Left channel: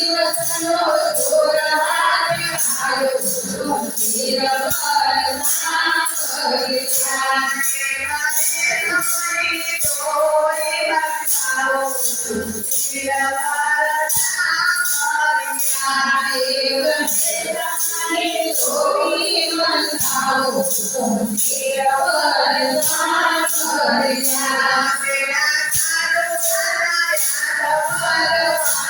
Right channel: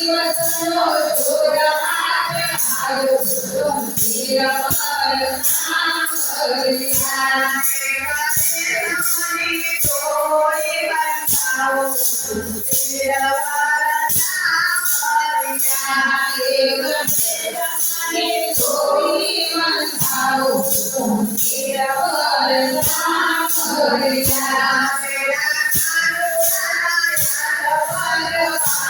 Yeah.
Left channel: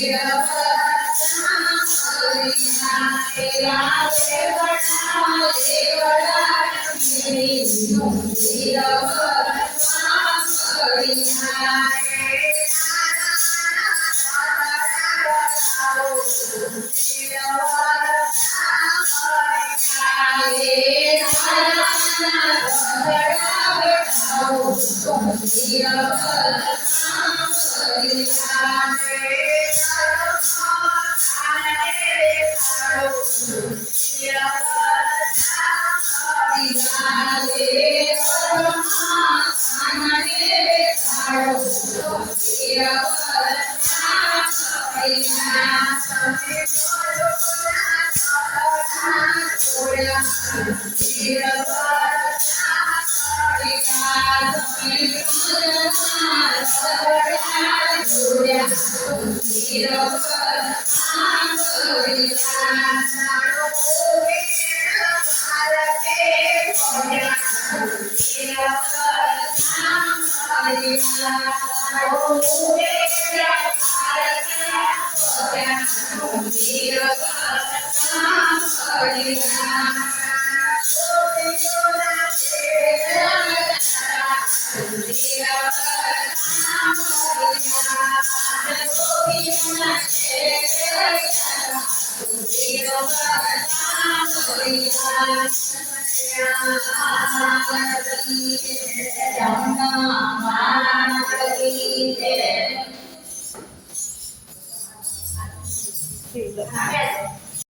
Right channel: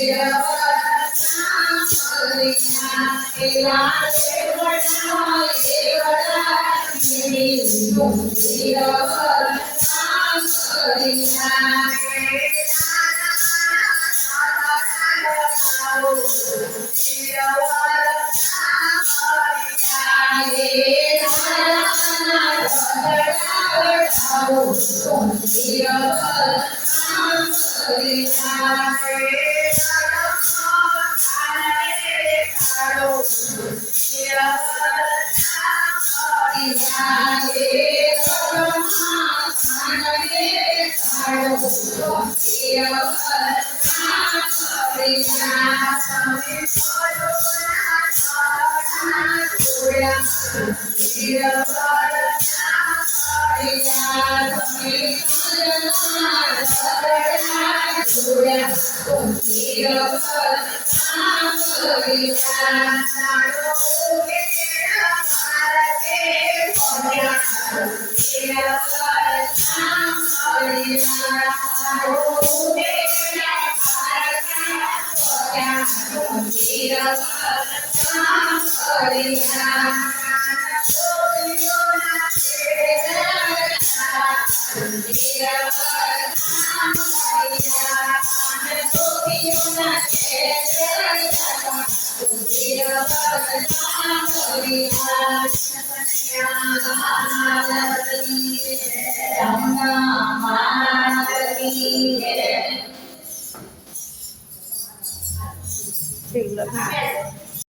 Yeah. Om Shiva Bala Sam Sadhya Yeah. Yeah. Yeah, I'm